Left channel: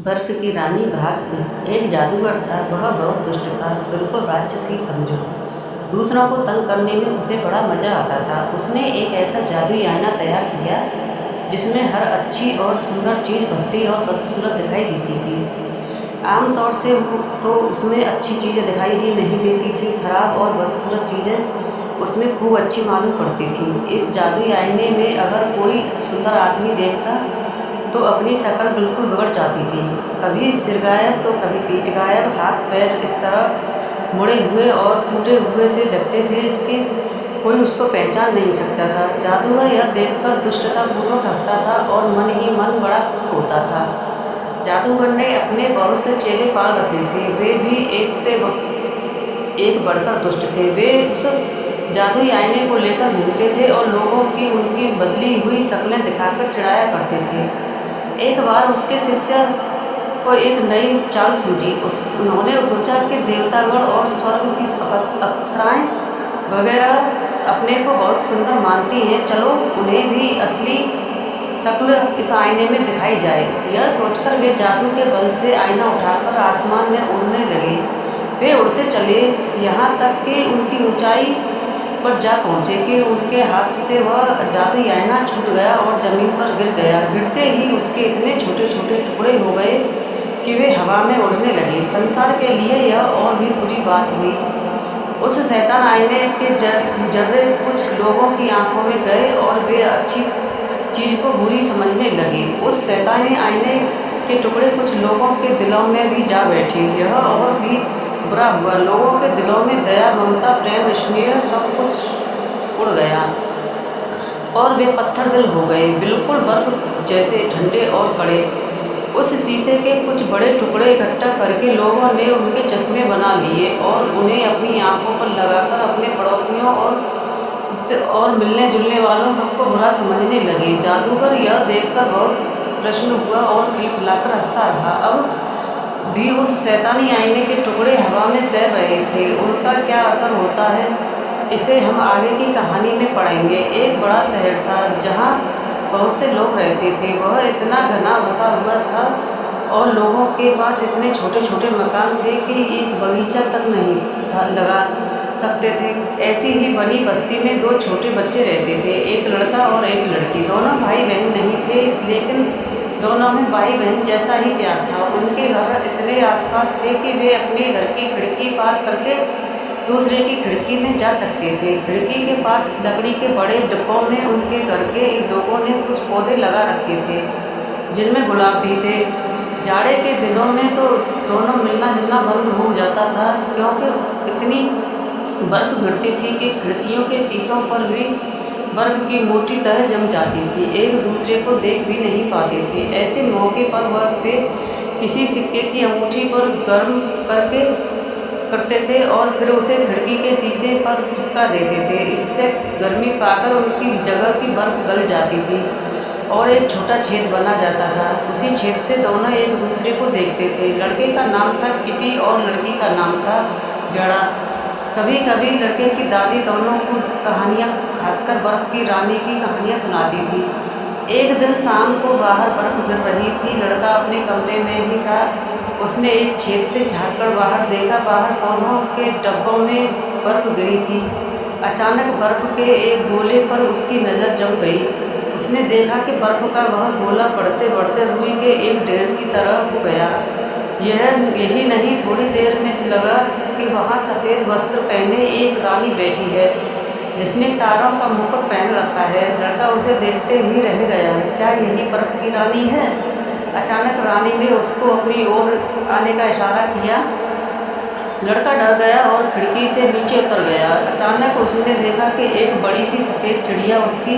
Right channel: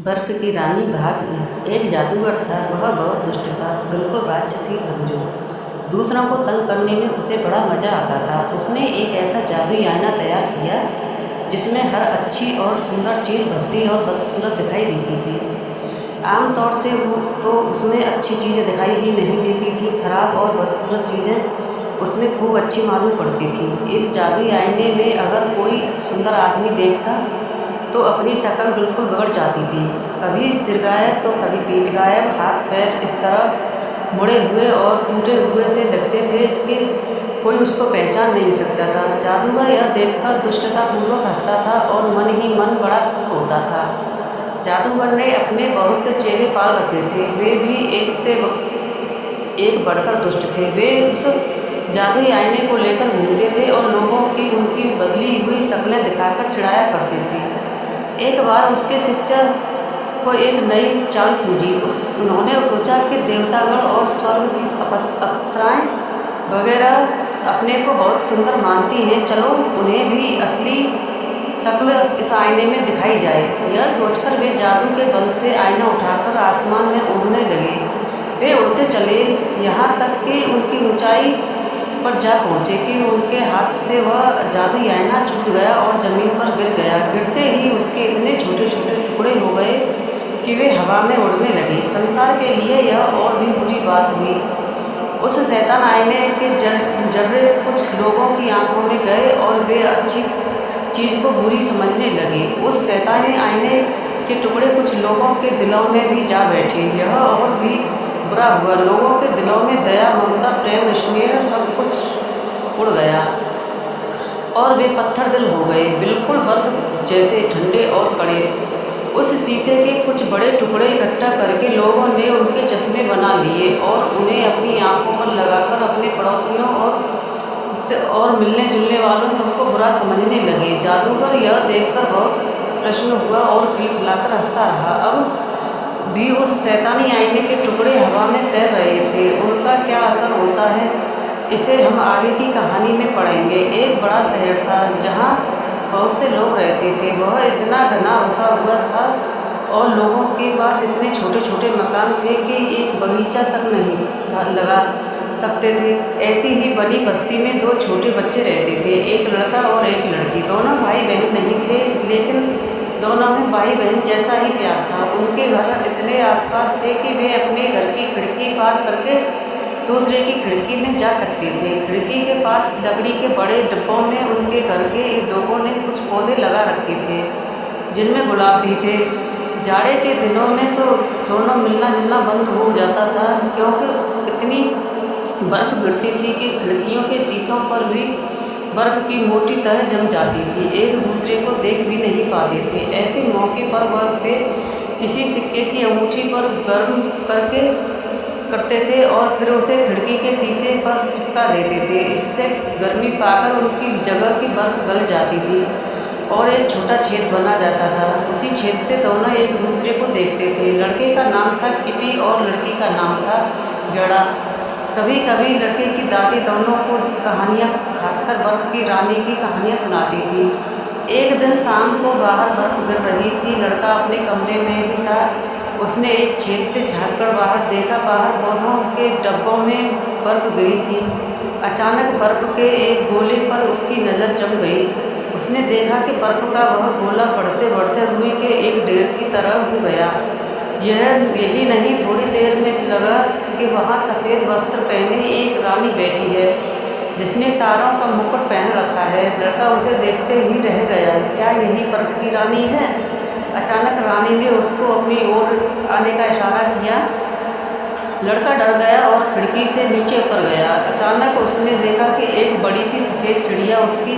बर्फ़ की रानी भाग एक जादूगर था। वह बहुत दुष्ट था, बिल्कुल राक्षस ही समझो। दूसरों को तंग करने में उसे बड़ा मज़ा आता था। उसने एक ऐसा जादुई आईना तैयार किया जिसमें हर अच्छी और सुंदर चीज़ भद्दी और बदसूरत दिखाई देती थी। आमतौर से वो तो उसमें अच्छी चीज़ें दिखाई ही नहीं देती थी, खराब और बदसूरत चीज़ें उसमें खूब अच्छी मालूम पड़ती थीं। इस जादुई आईने में अगर कोई सुंदर आदमी देखता तो अपनी शक्ल बिल्कुल बिगड़ जाती थी। कभी सिर गायब तो कभी पीठ गायब, हाथ पैर इस तरह मुड़े हुए और टूटे हुए से लगते थे कि कोई उसको पहचान नहीं सकता था। जादूगर यह देखकर दुष्टतापूर्वक हंसता था और मन ही मन बड़ा खुश होता था। जादूगर ने अपने बहुत से चेले पाल रखे थे, वे भी एक से एक बढ़कर दुष्ट थे। वे उस जादुई आईने को लेकर घूमते थे और लोगों की उनकी बदली हुई शक्लें दिखाकर चिढ़ाया करते थे। एक बार उसके शिष्य को एक नई चाल सूझी। उन्होंने सोचा कि देवतागण और स्वर्ग की अप्सराएं वगैरह अपने को बहुत सुंदर मानती हैं, चलो उन्हें भी असली शक्ल इस आईने में दिखाई जाए। यह सोचकर वे जादू के बल से आईना उठाकर आसमान में उड़ने लगे। वे उड़ते चले, यहाँ तक कि उनकी ऊंचाई पर जा पहुँचे कि उनके हाथ से वह जादुई आईना छूट गया और ज़मीन पर गिर गया। गिरते ही उसके इतने छोटे छोटे टुकड़े हो गए कि वे हवा में उड़ने लगे। संसार के लिए यह और भी बुरी बात हुई। उस शैतान आईने के जर्रे कुछ लोगों की आंखों में गए और वे अच्छी चीज़ को बुरी समझने लगे। उस शैतानी आईने के टुकड़े कुछ लोगों के दिलों में भी जा बैठे। यह और भी बुरा हुआ, लोगों के दिलों में दया, ममता, प्रेम, स्नेह सब कुछ उड़ गया और वे पत्थर दिल हो गए, बिल्कुल बर्फ जैसे ठंडे और कड़े। उस शीशे के कुछ बड़े टुकड़े इकट्ठा करके लोगों ने उनके चश्मे बना लिए और उन्हें अपनी आंखों पर लगाकर अपने पड़ोसियों और मिलने जुलने वालों सबको बुरा समझने लगे। जादूगर यह देखकर बहुत प्रसन्न हुआ और खिलखिलाकर हंसता रहा। अब भी उस शैतानी आईने के टुकड़े हवा में तैर रहे थे। उनका क्या असर होता है, इसे हम आगे की कहानी में पढ़ेंगे। एक बड़ा शहर था जहाँ बहुत से लोग रहते थे। वह इतना घना बसा हुआ था और लोगों के पास इतने छोटे छोटे मकान थे कि एक बगीचा तक नहीं था लगा सकते थे। ऐसी ही बनी बस्ती में दो छोटे बच्चे रहते थे, एक लड़का और एक लड़की। दोनों भाई बहन नहीं थे, लेकिन दोनों में भाई बहन जैसा ही प्यार था। उनके घर इतने आसपास थे कि वे अपने घर की खिड़की पार करके दूसरे की खिड़की में जा सकते थे। खिड़की के पास लकड़ी के बड़े डिब्बों में उनके घर के लोगों ने कुछ पौधे लगा रखे थे जिनमें गुलाब भी थे। जाड़े के दिनों में तो दोनों मिलना जुलना बंद हो जाता था, क्योंकि इतनी बर्फ़ गिरती थी कि खिड़कियों के शीशों पर भी बर्फ़ की मोटी तह जम जाती थी। एक दूसरे को देख भी नहीं पाते थे। ऐसे मौके पर वह वे किसी सिक्के की अंगूठी पर गर्म करते थे और फिर उसे खिड़की के शीशे पर चिपका देते थे। इससे गर्मी पाकर उनकी जगह की बर्फ़ गल जाती थी और एक छोटा छेद बना जाता था। उसी छेद से दोनों एक दूसरे को देखते थे। लड़के का नाम था किटी और लड़की का नाम था गेड़ा। कभी कभी लड़के की दादी दोनों को कहानियाँ, खासकर बर्फ़ की रानी की कहानियाँ सुनाती थी। एक दिन शाम को बाहर बर्फ़ गिर रही थी। लड़का अपने कमरे में ही था। उसने एक छेद से झाँककर बाहर देखा। बाहर पौधों के डब्बों में बर्फ़ गिरी थी। अचानक बर्फ़ के एक गोले पर उसकी नज़र जम गई। उसने देखा कि बर्फ़ का वह गोला बढ़ते बढ़ते रुई के एक ढेर की तरह हो गया। यही नहीं, थोड़ी देर में लगा कि वहाँ सफ़ेद वस्त्र पहने एक रानी बैठी है जिसने तारों का मुकुट पहन रखा है। लड़का उसे देखते ही रह गया। क्या यही बर्फ़ की रानी है? अचानक रानी ने उसको अपनी ओर आने का इशारा किया। लड़का डर गया और खिड़की से नीचे उतर गया। अचानक उसने देखा कि एक बड़ी सी सफ़ेद चिड़िया उसकी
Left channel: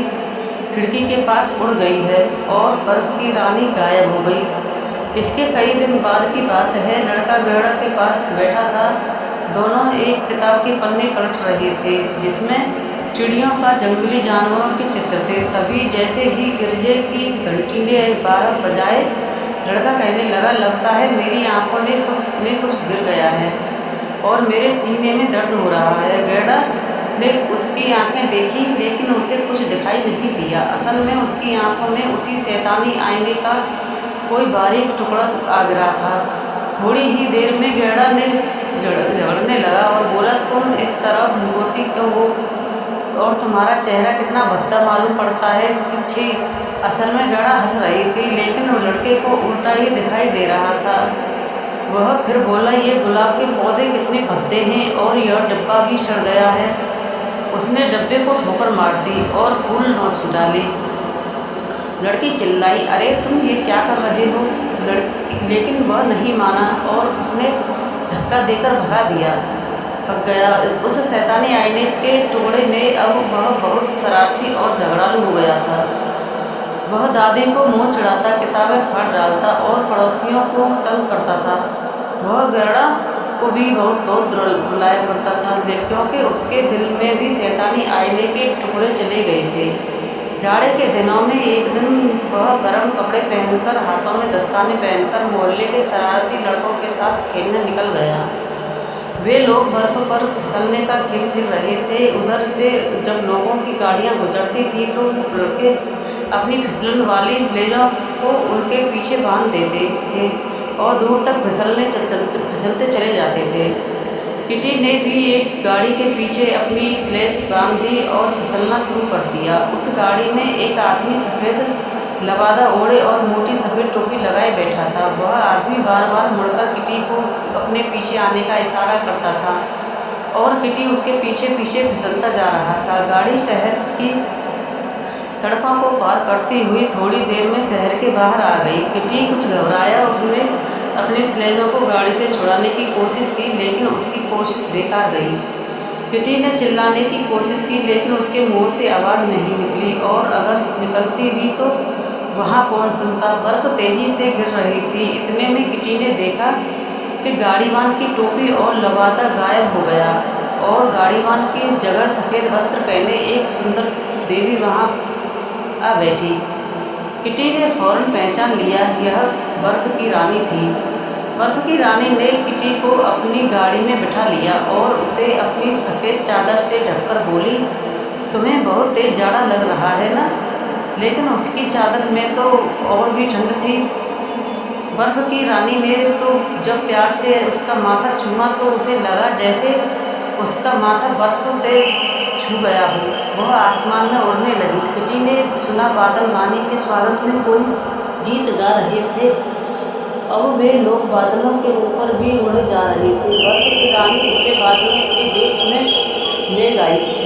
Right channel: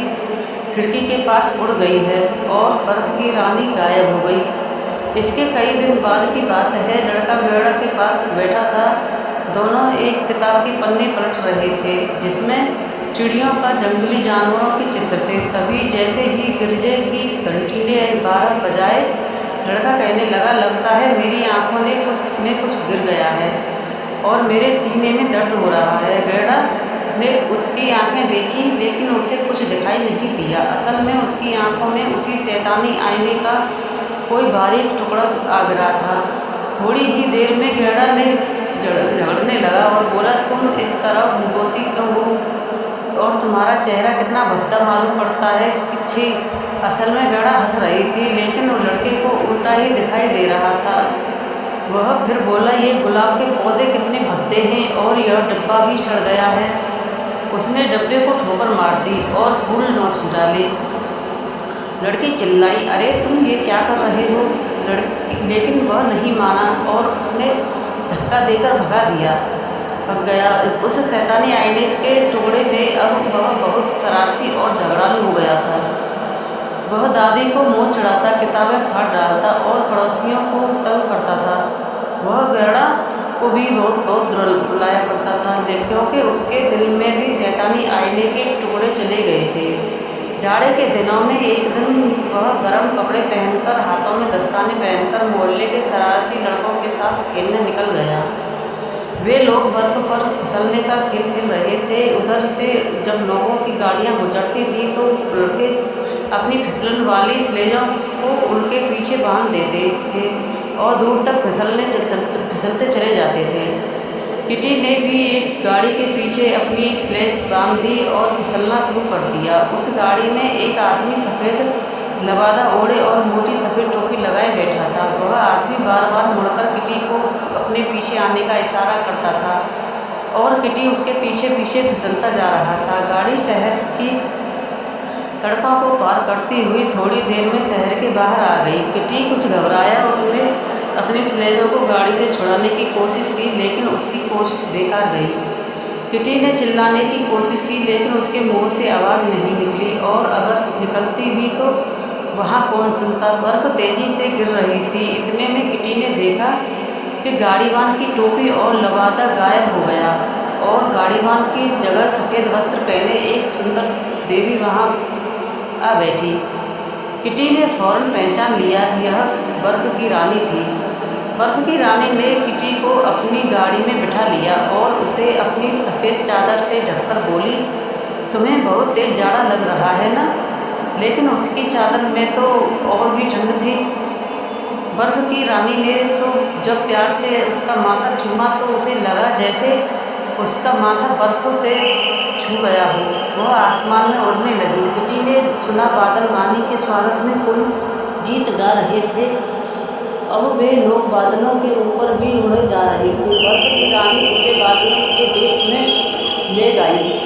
खिड़की के पास उड़ गई है और बर्फ़ की रानी गायब हो गई। इसके कई दिन बाद की बात है। लड़का गेड़ा के पास बैठा था। दोनों एक किताब के पन्ने पलट रहे थे जिसमें चिड़ियों का, जंगली जानवरों के चित्र थे। तभी जैसे ही गिरजे की घंटी ने 12 बजाए, लड़का कहने लगा, लगता है मेरी आंखों में कुछ गिर गया है और मेरे सीने में दर्द हो रहा है। गेड़ा ने उसकी आंखें देखी, लेकिन उसे कुछ दिखाई नहीं दिया। असल में उसकी आंखों में उसी शैतानी आईने का कोई बारीक टुकड़ा आ गिरा था। थोड़ी ही देर में गैड़ा ने झगड़ने लगा और बोला, तुम इस तरह रोती क्यों हो और तुम्हारा चेहरा कितना भद्दा मालूम पड़ता है कि छी। असल में गैड़ा हंस रही थी, लेकिन वो लड़के को उल्टा ही दिखाई दे रहा था। वह फिर बोला, ये गुलाब के पौधे कितने भद्दे हैं और यह डिब्बा भी सड़ गया है। उसने डब्बे को ठोकर मार दी और फूल नोच डाले। लड़की चिल्लाई, अरे तुम ये क्या कर रहे हो। लेकिन वह नहीं माना और उसने धक्का देकर भग गया। उस शैतानी आईने के टुकड़े ने अब वह बहुत शरारती और झगड़ालू हो गया था। वह दादी को मुँह चिढ़ाता, किताबें फाड़ डालता और पड़ोसियों को तंग करता था। वह गैड़ा को भी बहुत रुलाया करता था, क्योंकि उसके दिल में भी शैतानी आईने के टुकड़े चले गए थे। जाड़े के दिनों में एक दिन वह गर्म कपड़े पहनकर, हाथों में दस्ताने पहनकर मोहल्ले के शरारती लड़कों के साथ खेलने निकल गया। वे लोग बर्फ पर फिसलने का खेल खेल रहे थे। उधर से जब लोगों की गाड़ियां गुजरती थी तो लड़के अपनी फिसलन वाली स्लेजों को उनके पीछे बांध देते थे और दूर तक फिसलते चले जाते थे। किटी ने भी एक गाड़ी के पीछे अपनी स्लेज बांध दी और फिसलना शुरू कर दिया। उस गाड़ी में एक आदमी सफ़ेद लबादा ओढ़े और मोटी सफ़ेद टोपी लगाए बैठा था। वह आदमी बार बार मुड़कर किटी को अपने पीछे आने का इशारा करता था और किटी उसके पीछे पीछे फिसलता जा रहा था। गाड़ी शहर की सड़कों को पार करती हुई थोड़ी देर में शहर के बाहर आ गई। किटी कुछ घबराया। उसने अपने स्लेजों को गाड़ी से छुड़ाने की कोशिश की, लेकिन उसकी कोशिश बेकार गई। किटी ने चिल्लाने की कोशिश की, लेकिन उसके मुंह से आवाज़ नहीं निकली, और अगर निकलती भी तो वहाँ कौन सुनता। बर्फ़ तेज़ी से गिर रही थी। इतने में किटी ने देखा कि गाड़ीवान की टोपी और लबादा गायब हो गया और गाड़ीवान की जगह सफ़ेद वस्त्र पहने एक सुंदर देवी वहाँ आ बैठी। किटी ने फ़ौरन पहचान लिया, यह बर्फ़ की रानी थी। बर्फ़ की रानी ने किटी को अपनी गाड़ी में बिठा लिया और उसे अपनी सफ़ेद चादर से ढककर बोली, तुम्हें बहुत तेज़ जाड़ा लग रहा है ना। लेकिन उसकी चादर में तो और भी ठंड थी। बर्फ़ की रानी ने तो जब प्यार से उसका माथा चूमा तो उसे लगा जैसे उसका माथा बर्फ़ से छू गया हो। वह आसमान में उड़ने लगी। किटी ने सुना बादल रानी के स्वागत में कोई गीत गा रहे थे। अब वे लोग बादलों के ऊपर भी उड़े जा रहे थे। बर्फ़ की रानी उसे बादलों के देश में ले गई।